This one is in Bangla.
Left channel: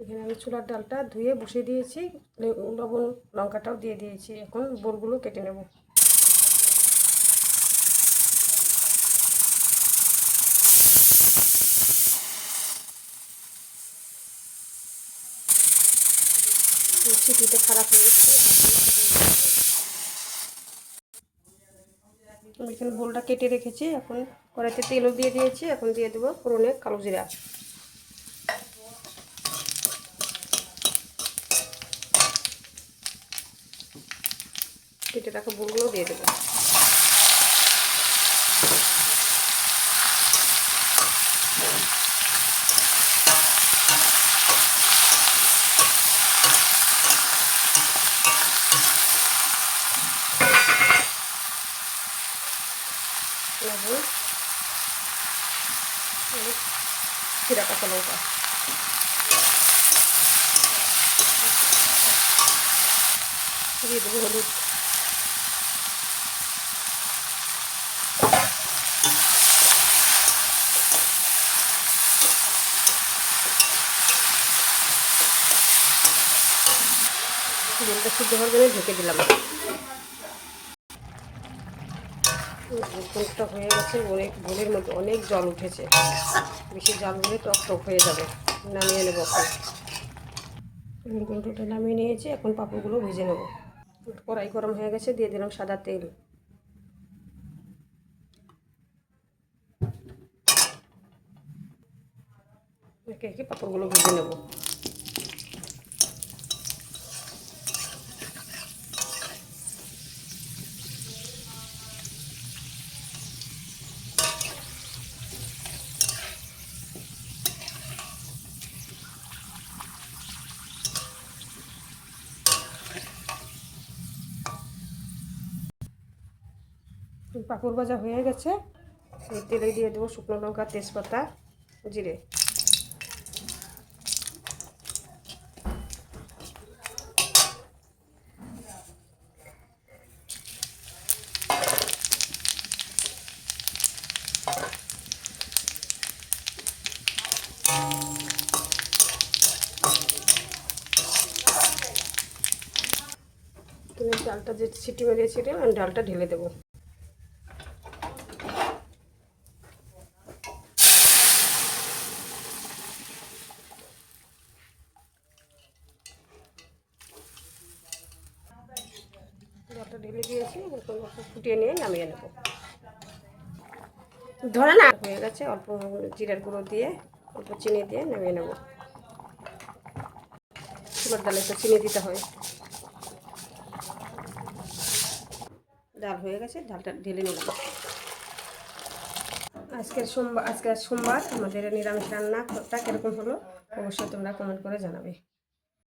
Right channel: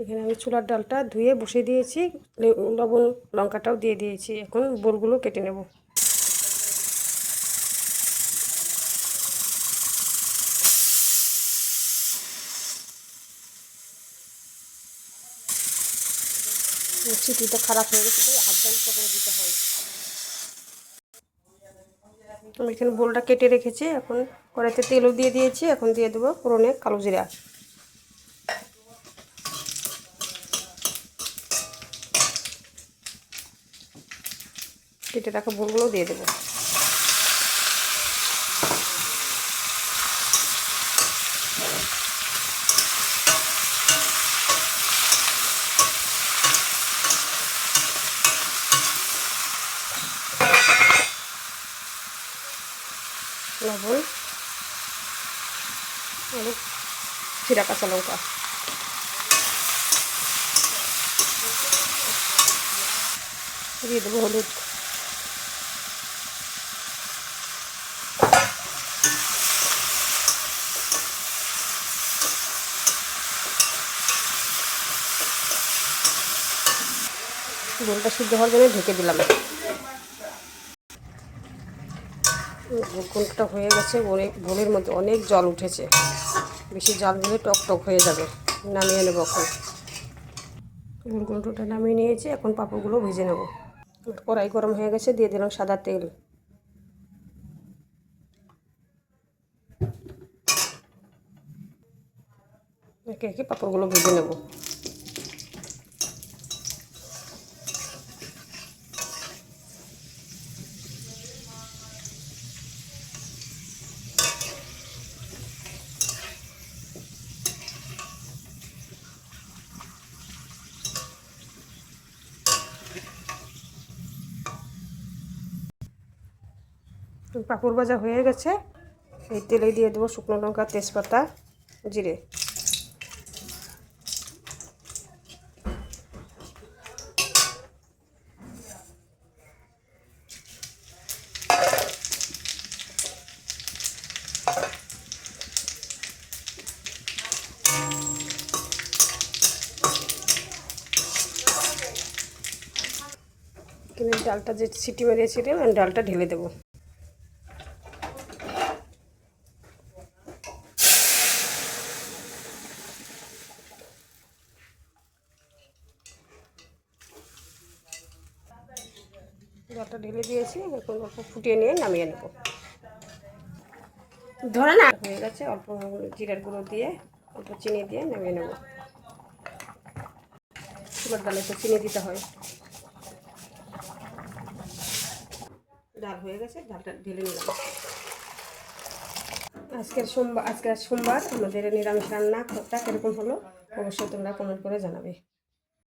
এখানে আমি ছোলার ডালটা ধুয়ে বসিয়ে দিয়েছি, লবণ লঙ্কাটাও দিয়ে দিয়েছি। এখন বোলগুলো কেটে নেব। চিটিটা খারাপ হয়ে গেছে, আমি এখানে বোলটা কেটে রেখেছি। এখন কড়াইতে তেলও দিয়ে দিয়েছি। এখন দিয়ে দেবো ফোড়নে কালো জিরা। কেটে রাখা বোলগুলো দিয়ে দেবো। লবণ, জিরা, কাঁচা লঙ্কা দিয়ে দেবো, হলুদ, বোলটা সিদ্ধ হওয়ার জন্য ঢেকে দিলাম। বোলটা হয়ে গেছে। বোলের মধ্যে অনেক জল উঠেছে, বেশি জল হলে টক টক হয়ে যাবে। নামিয়ে নেবো। এখন বোলটা নামিয়ে নিয়েছি। এখন পাঁপড়গুলো ভেজে নেব। কড়াই গরম হয়ে গেছে, দিয়ে দিলাম সাদা তেল। একে একে পাঁপড়গুলো ভেজে নেব। পাঁপড় ভাজা হয়ে গেছে। তেলে দিয়ে দেবো শুকনো লঙ্কা, তেজপাতা, জিরে। ডালটা যে সিটি মেরেছিলাম, আমি ডালটা ঢেলে দেবো। ডালটা ঢেলে দিয়েছি। এখন অল্প ফুটিয়ে নিয়ে নামিয়ে নেব। ধরে না হয়ে গেছে। অল্প জিরার গুঁড়ো দিয়ে, অল্প চিনি দিয়ে নামিয়ে নেব। ছোলার ডালে তো চিনি দিতে হয়। ডাল হয়ে গেছে, ডালটা ঢেলে নেব। আজকে সোমবার আমাদের নিরামিষ রান্নাটা কীরকম হলো অবশ্যই তোমরা কমেন্ট করে জানাবে।